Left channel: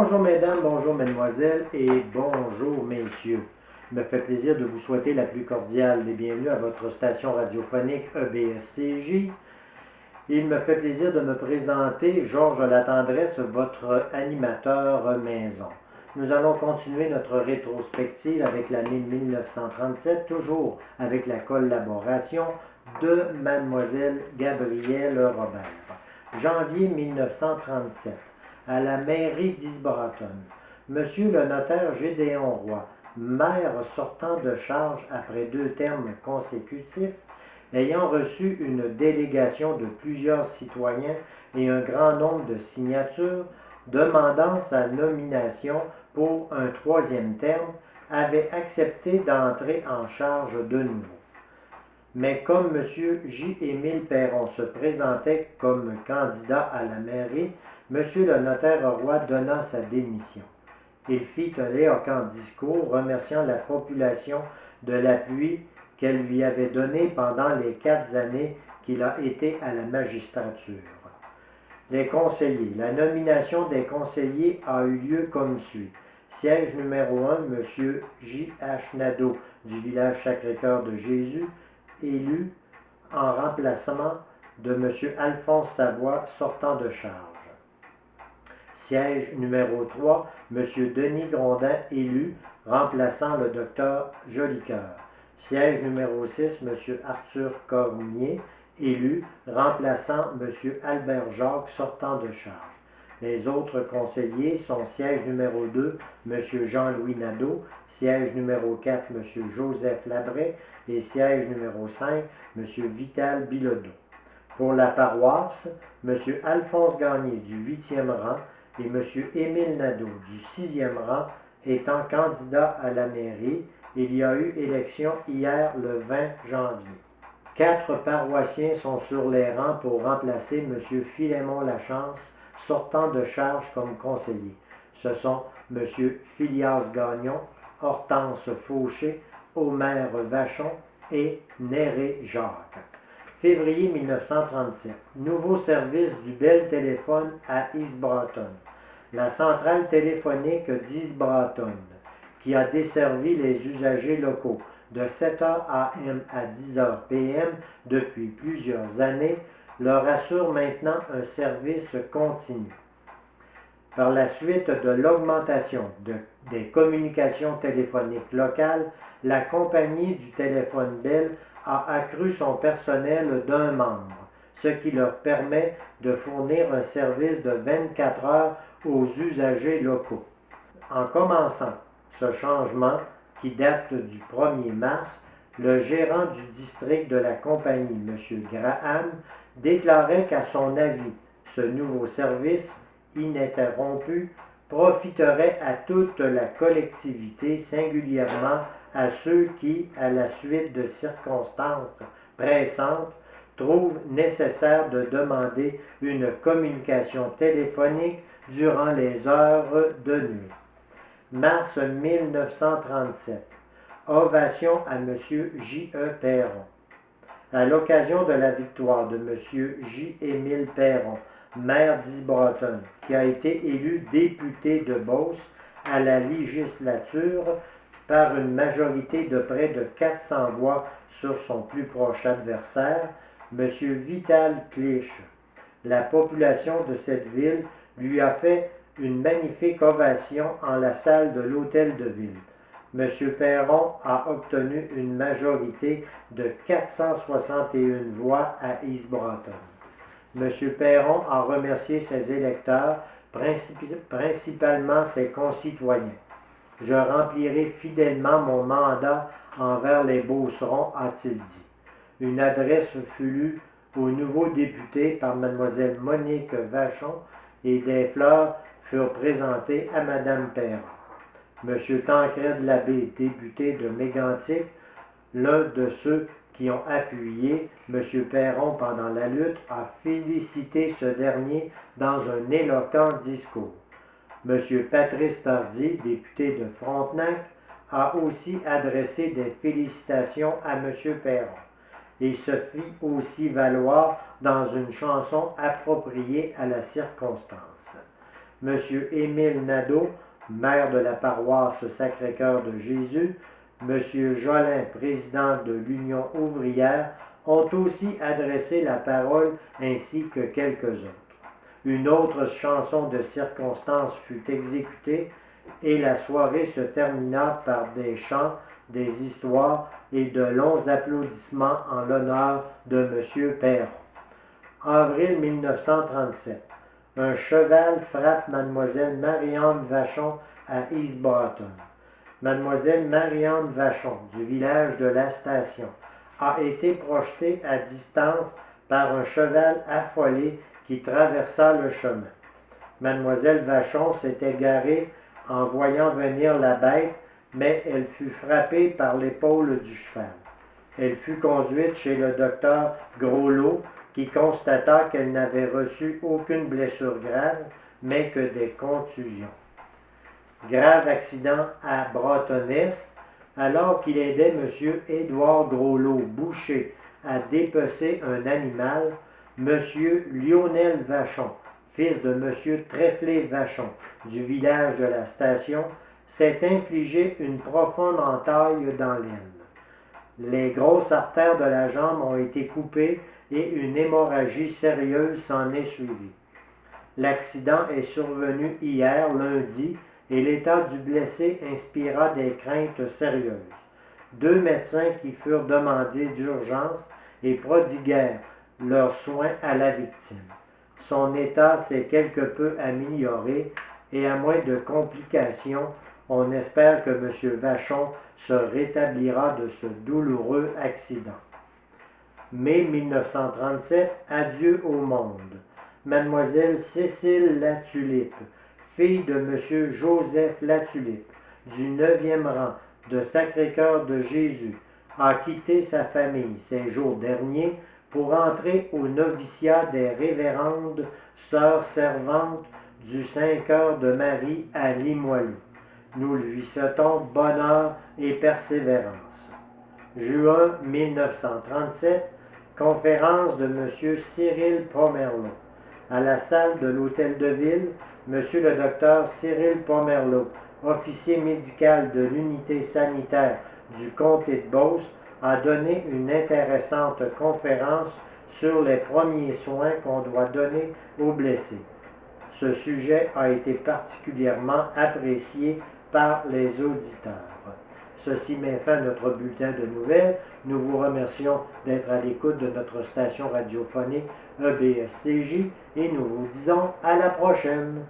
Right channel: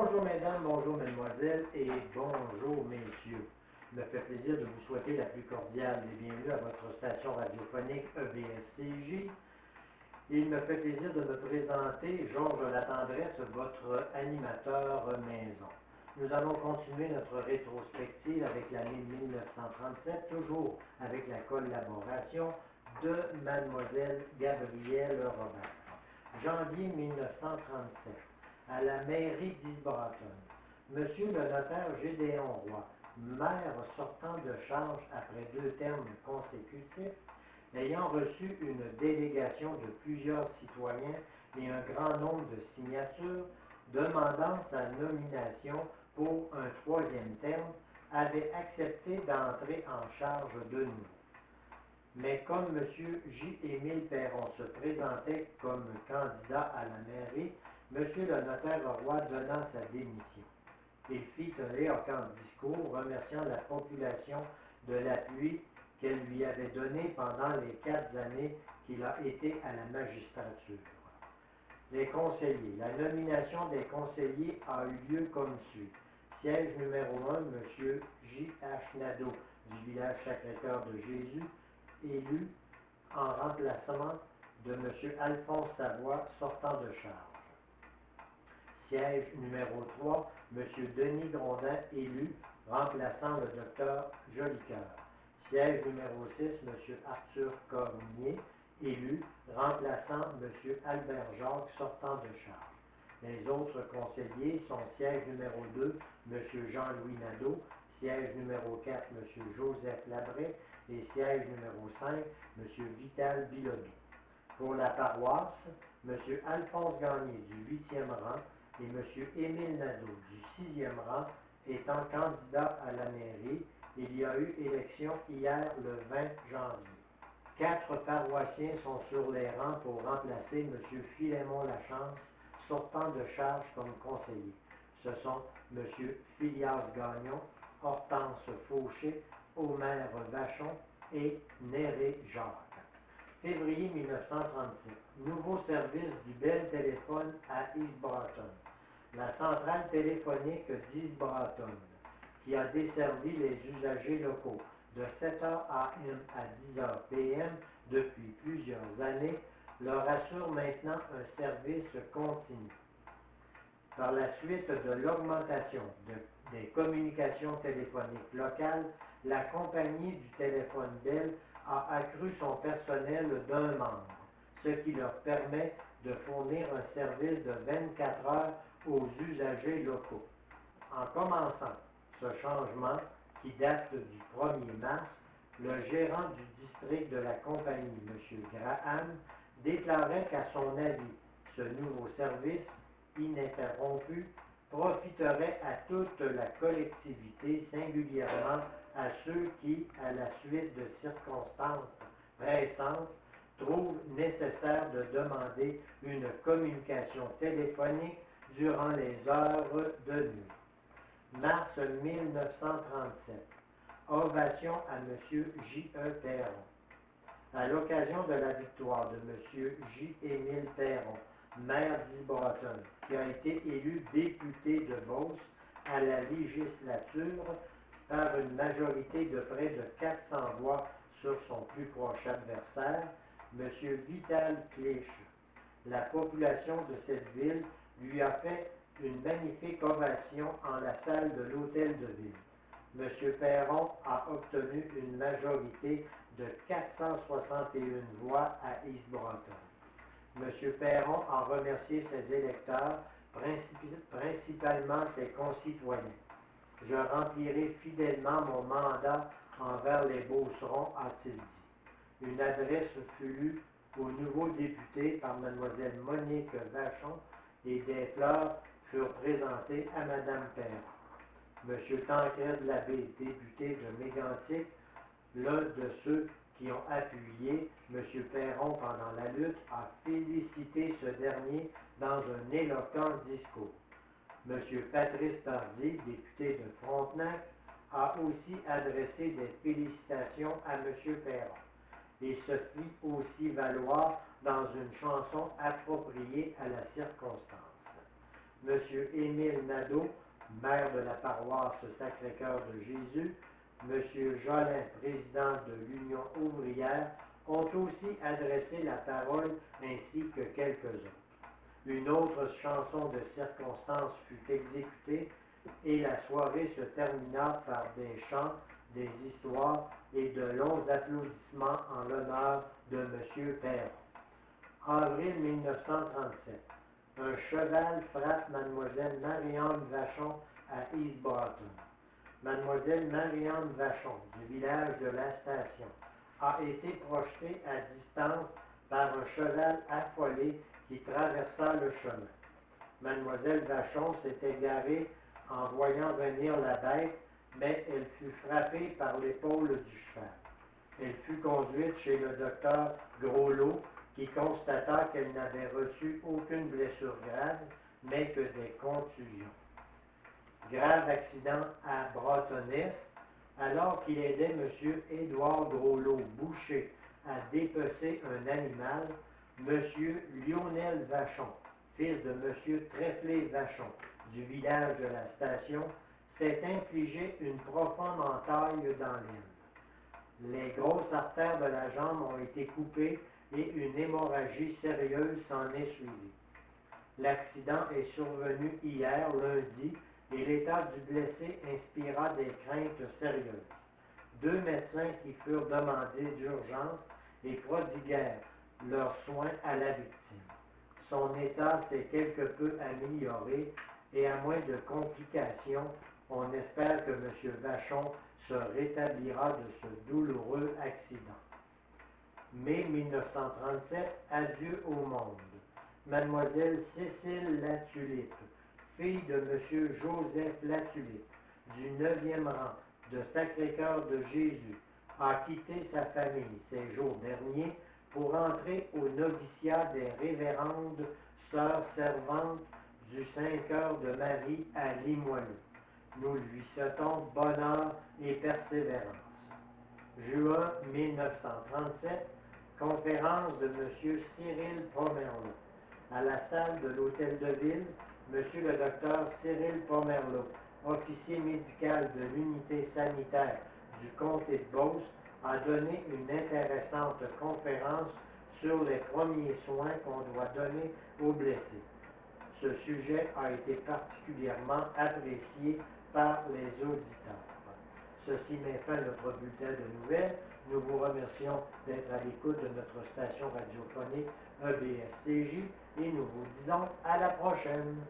Bonjour mesdames, bonjour mesdemoiselles et bonjour messieurs. Il me fait plaisir de vous souhaiter la plus cordiale des bienvenus à votre station radiophonique EBSCJ. Il me fait plaisir de me présenter Georges Latendresse, votre animateur maison. Nous allons continuer notre rétrospective avec l'année 1937, toujours avec la collaboration de Mademoiselle Gabrielle Robert. Janvier 1937. À la mairie d'Isbratton. Monsieur le notaire Gédéon Roy, maire sortant de charge après 2 termes consécutifs, ayant reçu une délégation de plusieurs citoyens et un grand nombre de signatures demandant sa nomination pour un 3e terme, avait accepté d'entrer en charge de nouveau. Mais comme M. J. Émile Perron se présentait comme candidat à la mairie, M. le notaire Roy donna sa démission. Il fit un éloquent discours remerciant la population de l'appui qu'elle lui avait donné pendant les 4 années qu'il a été à la magistrature. Les conseillers. La nomination des conseillers a eu lieu comme suit. Siège numéro 1, M. J.H. Nadeau du village Sacré-Cœur de Jésus, élu en remplacement de M. Alphonse Savoie, sortant de charge. Siège numéro 3, M. Denis Grondin, élu, remplaçant le Dr Jolicoeur. Siège numéro 6, M. Arthur Cormier, élu, remplaçant M. Albert Jacques, sortant de charge. Les autres conseillers sont siège numéro 2, M. Jean-Louis Nadeau, siège numéro 4, M. Joseph Labret et siège numéro 5, M. Vital Bilodeau. Pour la paroisse, M. Alphonse Gagné du 8e rang et M. Émile Nadeau du 6e rang étant candidat à la mairie, il y a eu élection hier le 20 janvier. 4 paroissiens sont sur les rangs pour remplacer M. Philémon Lachance, sortant de charge comme conseiller. Ce sont M. Phileas Gagnon, Hortense Fauché, Omer Vachon et Néré Jacques. Février 1937. Nouveau service du Bell Téléphone à Isbratton. La centrale téléphonique d'Isbratton, qui a desservi les usagers locaux de 7h AM à 10h PM depuis plusieurs années, leur assure maintenant un service continu. Par la suite de l'augmentation des communications téléphoniques locales, la compagnie du téléphone Bell a accru son personnel d'1 membre, ce qui leur permet de fournir un service de 24 heures aux usagers locaux. En commençant ce changement, qui date du 1er mars, le gérant du district de la compagnie, M. Graham, déclarait qu'à son avis, ce nouveau service, ininterrompu, profiterait à toute la collectivité, singulièrement à ceux qui, à la suite de circonstances pressantes, trouvent nécessaire de demander une communication téléphonique durant les heures de nuit. Mars 1937. Ovation à M. J.E. Perron. À l'occasion de la victoire de M. J. Émile Perron, maire d'Isbratton, qui a été élu député de Beauce à la législature par une majorité de près de 400 voix sur son plus proche adversaire, M. Vital Clich. La population de cette ville lui a fait une magnifique ovation en la salle de l'hôtel de ville. M. Perron a obtenu une majorité de 461 voix à Isbratton. M. Perron a remercié ses électeurs, principalement ses concitoyens. Je remplirai fidèlement mon mandat envers les Beaucerons, a-t-il dit. Une adresse fut lue au nouveau député par Mlle Monique Vachon et des fleurs furent présentées à Mme Perron. M. Tancred Labbé, député de Mégantic, l'un de ceux qui ont appuyé M. Perron pendant la lutte, a félicité ce dernier dans un éloquent discours. M. Patrice Tardy, député de Frontenac, a aussi adressé des félicitations à M. Perron et se fit aussi valoir dans une chanson appropriée à la circonstance. M. Émile Nadeau, maire de la paroisse Sacré-Cœur de Jésus, M. Jolin, président de l'Union ouvrière, ont aussi adressé la parole ainsi que quelques autres. Une autre chanson de circonstance fut exécutée et la soirée se termina par des chants, des histoires et de longs applaudissements en l'honneur de M. Perron. Avril 1937. Un cheval frappe Mademoiselle Marie-Anne Vachon à East Boston. Mademoiselle Marie-Anne Vachon, du village de la Station, a été projetée à distance par un cheval affolé qui traversa le chemin. Mademoiselle Vachon s'était garée en voyant venir la bête, mais elle fut frappée par l'épaule du cheval. Elle fut conduite chez le docteur Groslot, qui constata qu'elle n'avait reçu aucune blessure grave, mais que des contusions. Grave accident à Bâtonnet, alors qu'il aidait M. Édouard Groslot, boucher, à dépecer un animal, M. Lionel Vachon, fils de M. Trèflé Vachon, du village de la Station, s'est infligé une profonde entaille dans l'aine. Les grosses artères de la jambe ont été coupées et une hémorragie sérieuse s'en est suivie. L'accident est survenu hier, lundi, et l'état du blessé inspira des craintes sérieuses. 2 médecins qui furent demandés d'urgence et prodiguèrent leurs soins à la victime. Son état s'est quelque peu amélioré et à moins de complications, on espère que M. Vachon se rétablira de ce douloureux accident. Mai 1937, adieu au monde. Mademoiselle Cécile Latulippe, fille de M. Joseph Latulippe, du 9e rang de Sacré-Cœur de Jésus, a quitté sa famille ces jours derniers pour entrer au noviciat des révérendes sœurs servantes du Saint-Cœur de Marie à Limoilou. Nous lui souhaitons bonheur et persévérance. Juin 1937, conférence de M. Cyril Pomerleau. À la salle de l'Hôtel de Ville, M. le docteur Cyril Pomerleau, officier médical de l'unité sanitaire du comté de Beauce, a donné une intéressante conférence sur les premiers soins qu'on doit donner aux blessés. Ce sujet a été particulièrement apprécié par les auditeurs. Ceci met fin à notre bulletin de nouvelles. Nous vous remercions d'être à l'écoute de notre station radiophonique EBSCJ et nous vous disons à la prochaine.